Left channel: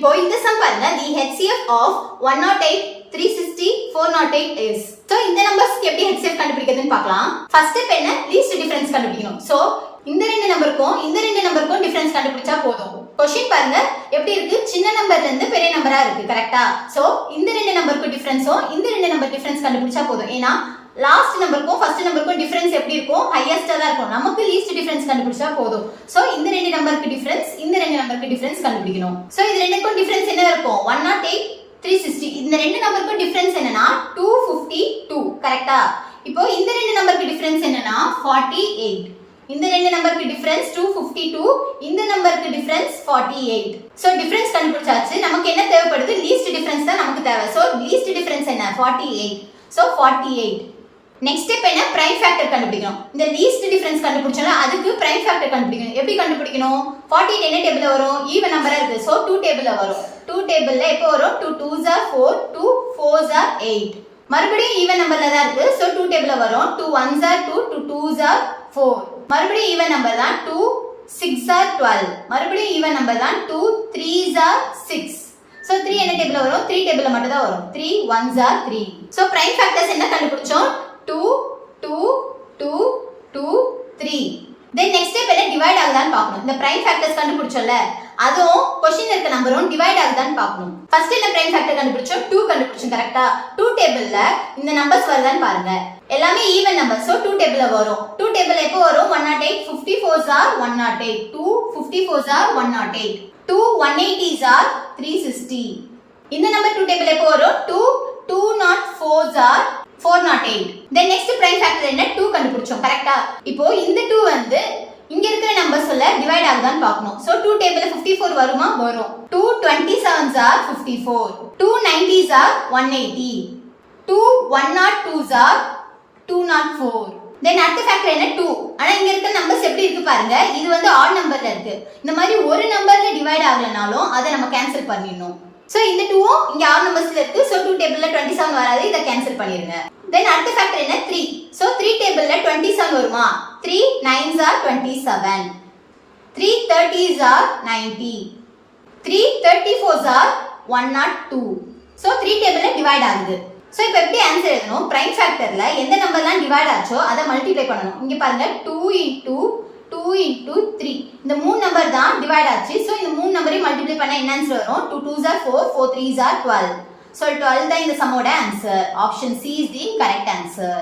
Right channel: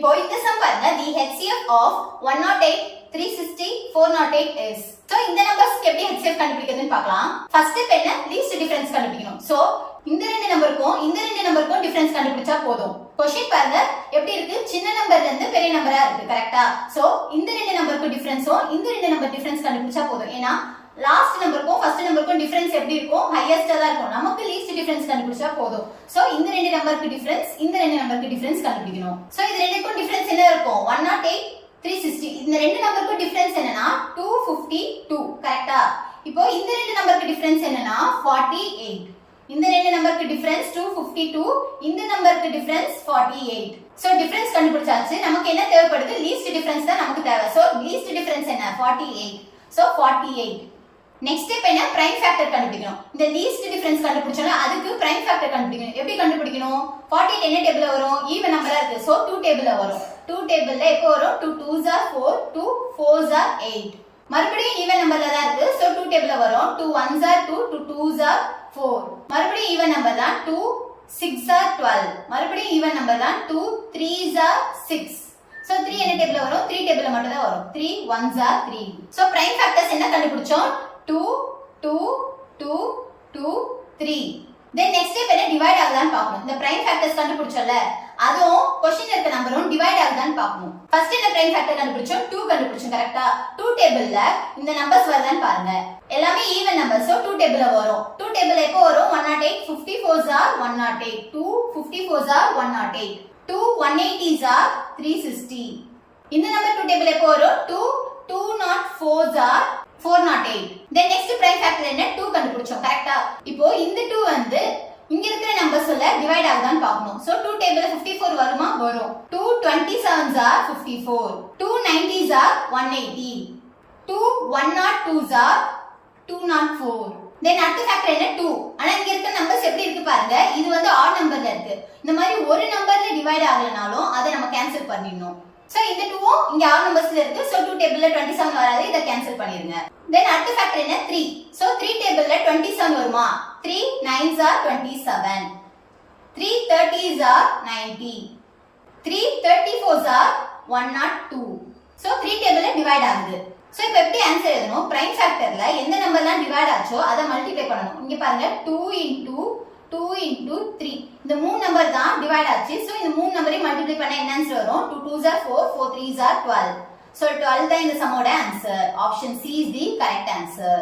இப்போ இந்த சம் பாருங்க, the HCF of 108, 360, 408 is. So இந்த நம்பர்ஸ்க்கு எப்படி HCF கண்டுபிடிக்கிறதுன்னு பார்க்கலாம். ஃபர்ஸ்ட் ஸ்டெப் என்ன? லீஸ்ட் டிஃபரன்ஸ் கண்டுபிடிக்கணும். சோ இந்த ரெண்டு நம்பருக்கும் டிஃபரன்ஸ் கண்டுபிடிச்சா போதும். क्वेश्चन பாருங்க எப்படி இருக்கு, சின்ன நம்பர்ல இருந்து பெரிய நம்பரா இருக்கு, கரெக்ட்டா? சோ இந்த ரெண்டு நம்பருக்கு டிஃபரன்ஸும் இந்த ரெண்டு நம்பர் டிஃபரன்ஸ் கண்டுபிடிச்சா போதும். ஏனா லாஸ்ட் நம்பருக்கும் ஃபர்ஸ்ட் நம்பருக்கும் டிஃபரன்ஸ் எப்படி இருக்கும், ஹையஸ்டா தான் இருக்கும். நமக்கு லீஸ்ட் டிஃபரன்ஸ் கண்டுபிடிச்சா போதும். சோ இந்த ரெண்டு நம்பருக்கு டிஃபரன்ஸ் இந்த ரெண்டு நம்பருக்கு டிஃபரன்ஸ் கண்டுபிடிக்கணும். சோ இது ரெண்டுக்கும் டிஃபரன்ஸ் என்ன இருக்கும்? 108, 360. இந்த ரெண்டு நம்பருக்கும் டிஃபரன்ஸ் என்னன்னா 252, கரெக்ட்டா? இப்போ இந்த ரெண்டு நம்பருக்கு டிஃபரன்ஸ் என்னன்னா 48. இந்த ரெண்டு நம்பருக்கு டிஃபரன்ஸ் 252, இந்த நம்பருக்கு டிஃபரன்ஸ் 48. சோ டிஃபரன்ஸ் கண்டுபிடிச்சாச்சு. நமக்கு என்ன தேவைப்படுது? லீஸ்ட் டிஃபரன்ஸ் தான் நமக்கு தேவை. சோ லீஸ்ட் டிஃபரன்ஸ் என்ன? 48. சோ 48. நெக்ஸ்ட் ஸ்டெப் என்ன? பிரைம் ஃபேக்டர் கண்டுபிடிக்கணும். இந்த லீஸ்ட் டிஃபரன்ஸ் கண்டுபிடிச்சோம்னா அதுக்கு பிரைம் ஃபேக்டர் கண்டுபிடிக்கணும். எப்படி கண்டுபிடிக்கணும்? 48 என்ன டேபிள்ல வரும்? ஈவன் நம்பரா இருக்கு. சோ 2 டேபிள்ல வரும். 2 டேபிள்ல எப்போ வரும்? 2 2s are 4, 2 4s are 8. மறுபடியும் ஈவன் நம்பர்ல தான் இருக்கு. சோ 2 டேபிள்ல வரும். 2 1s are 2, 2 2s are 4. மறுபடியும் ஈவன் நம்பர் தான். 2 6 are 12. மறுபடியும் ஈவன் நம்பர் தான். 2 3s are 6. சோ 3 என்ன டேபிள்ல வரும்? 3 டேபிள்ல மட்டும் தான் வரும். 3 1s are 3. So prime factors என்ன கண்டுபிடிச்சோம்? 2 2 2 2 3. தென் நெக்ஸ்ட் ஸ்டெப் என்ன? டிவைட் ஆகுதான்னு பார்க்கணும். இந்த பிரைம் ஃபேக்டர்ஸ் கண்டுபிடிச்சோம்ல, அதுவும் क्वेश्चनல இருக்க நம்பரும் டிவைட் ஆகுதான்னு பார்க்கணும். ஃபர்ஸ்ட் என்ன பிரைம் ஃபேக்டர் கண்டுபிடிச்சோம்? 2 கண்டுபிடிச்சோம், கரெக்ட்டா? 2 டேபிள்ல இந்த நம்பர்ஸ் வருதான்னு பாருங்க. எல்லாமே ஈவன் நம்பர். சோ 2 டேபிள்ல வரும். 2 டேபிள்ல எப்போ வரும்? 108, 54s are 108. 2 54s are 108. 2 180s are 360. இந்த நம்பர் 2 டேபிள் எப்போ வரும்? 2 204s are 408. then next prime factor என்ன? 2 கண்டுபிடிச்சோம், கரெக்ட்டா? இப்போ இந்த 2 வந்து இங்க இருக்கிற நம்பர்ஸ்ல டிவைட் ஆகுதான்னு பார்க்கணும். சோ 2 டேபிள்ல 54 வருமா? வரும். 2 27s are 54. 2 90s are 180. 2 102s are 204. then அடுத்த ஃபேக்டர் என்ன? 2. ஆனா இங்க இருக்க நம்பர்ஸ் எப்படி இருக்கு பாருங்க. இது வந்து ஆட் நம்பர்ல இருக்கு. இந்த மாதிரி ஒரு நம்பர்ல டிவைட் ஆகலனாலும் அதை நம்ம கேன்சல் பண்ணிடணும். சோ இந்த 2ம் இங்க ஆட் நம்பர்ஸ்ல இருக்கு. சோ 2 டேபிள்ல 27 வராது. இத கேன்சல் பண்ணிருங்க. then அடுத்த ஃபேக்டர் என்ன? 3. சோ 3 டேபிள்ல 27 வருமா? 3 9s are 27. 3 30s are 90. 3 34s are 102. So 3 டேபிள்ல டிவைட் ஆகுது. சோ இப்போ எப்படி ஆன்சர் எழுதணும்? பிரைம் ஃபேக்டர்ல எந்த நம்பர்லாம் டிவைட் ஆச்சோ அதை மல்டிப்ளை பண்ணனும். இங்க பாருங்க 2 into 2 into 3. இந்த மூணு நம்பர் தான் டிவைட் ஆச்சு. சோ இந்த மூணு நம்பரையும் மல்டிப்ளை பண்ணா என்ன ஆன்சர் வரும்? 2 2s are 4, 4 3s are 12. So 12 தான் இந்த சம்மோட answer. Option C is the correct answer.